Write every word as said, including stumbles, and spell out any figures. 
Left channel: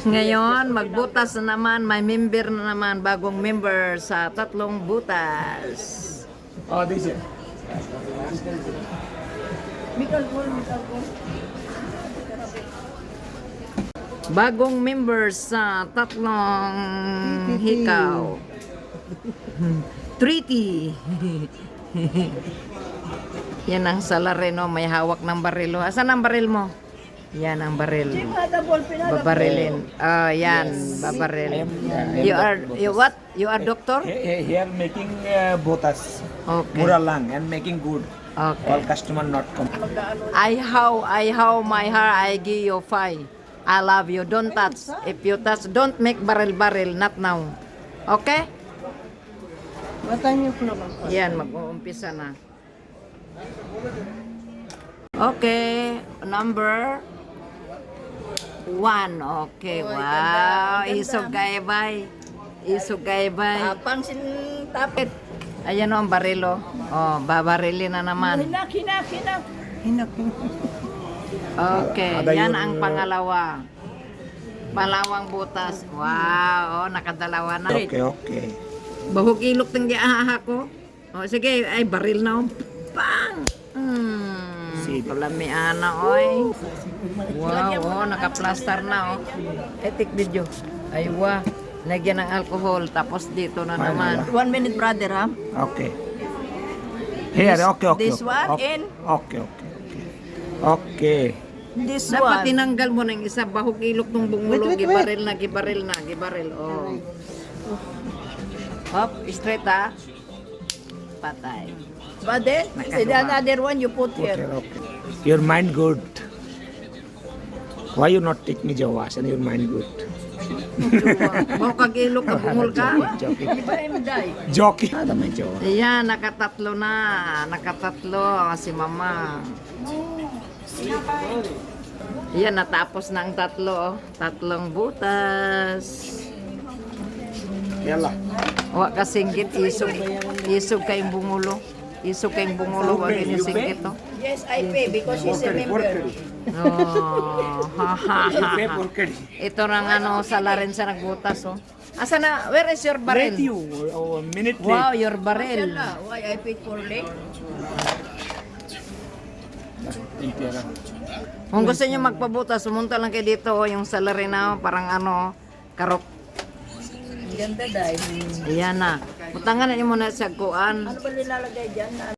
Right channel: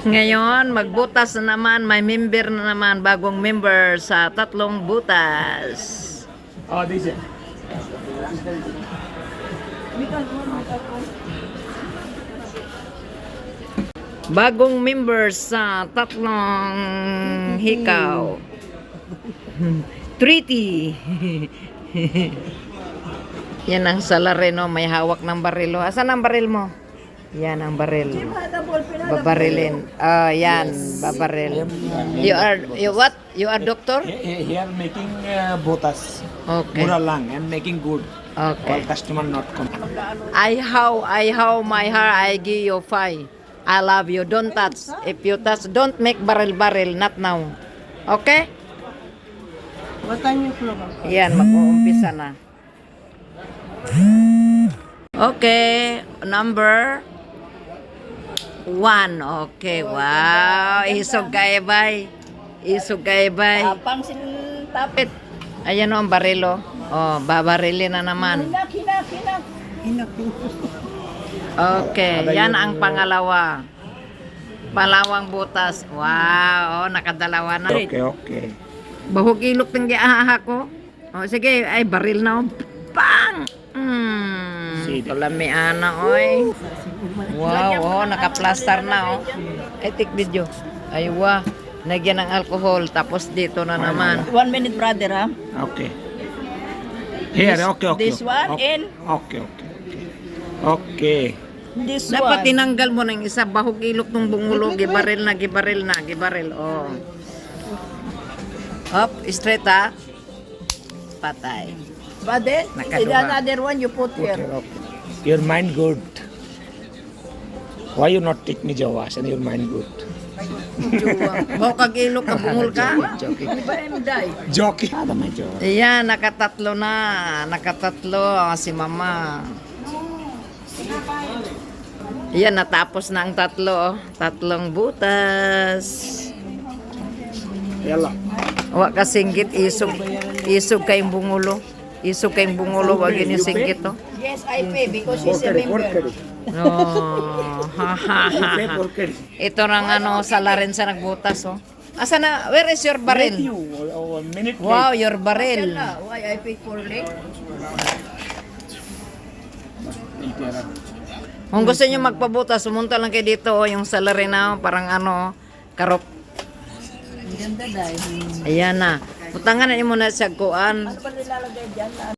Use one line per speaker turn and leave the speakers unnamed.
Ngayon, magbutas na naman. May member na naman. Bagong member sa tatlong butas.
Oh, this is.
Bagong member sa tatlong hikaw. Treaty. Yan ang salarino. May hawak ng barilo. Asan ang baril mo? Yan ang baril. Babarilin. Ah, yan, babaril. You are you what? You are doctor?
Here here making uh, botas.
Okay.
Mura lang and making good. All
Okay.
customer not come.
I how I how my hair I give you five. I love you. Don't touch. If you touch, don't make barrel barrel. Not now. Okay?
What time you close?
Yan, mag-uumpisa na. Okay, number one. Okay, wow. Isog kay bay. Isog kay bay.
Apang sin tapit.
Ayan o ang barilo. Oh, babarilin na naman.
Hinak, hinak, hinak. Hinak.
Okay, yan ang pangalawa. Palawang butas. Wow, oh, nakadalawa na.
Okay, okay.
Bahog ilok ng giahaha ko. Oh, sige, ay baril na. Oh. Bang! Hmm.
Sige.
Palami ana oy. Wow, oh, naka-plaster na oh. Ay tik video. Ay wa, nagyan ng alcohol tapos dito na naman.
One minute, brother, ha?
Okay. Here, okay, okay.
this one
okay.
in?
Okay, okay, okay. Okay.
This
Dapat
one.
tinanggal mo ng isa bahog ilok ng bungulo, gibaril na, gibaril na, gibaril. Oh. Up, straight ha. Patay.
But then, the another one you put
Okay,
here.
okay. Your mind good. Why you not take me Jawas and your mind good?
Bahog kag ilok ka bungol ka.
Joking.
Di ba I'm die?
Joking. Ada may Jawas.
Ayan, nakatatlo na. Nakatatlo si mama. Ayan, natapos na ang tatlo. oh. Tatlong butas.
Yalla.
Wa ka singgit, isog. Isog kayong bungulo. Isog kayong bungulo, wag yun yung singgit. Oh.
Yes, I pay because he's a member.
Oh, ha ha ha.
Pay
ha.
for credit.
Ito rang ano, salarin sa nagbutas. Oh. Asa na? Where is your
Rate
barrel?
you. Oh, minute
Wow,
late.
your barrel.
Yalla, why I paid for late?
Kung gusto niyo magpabutas, sumunta lang kayo dito. Oh, yung salarin na, oh, parang ano, karop.
Ganda dahil.
Ayan na. Utangan na niyo muna sa kuan.
Ano ba nilalagay dyan?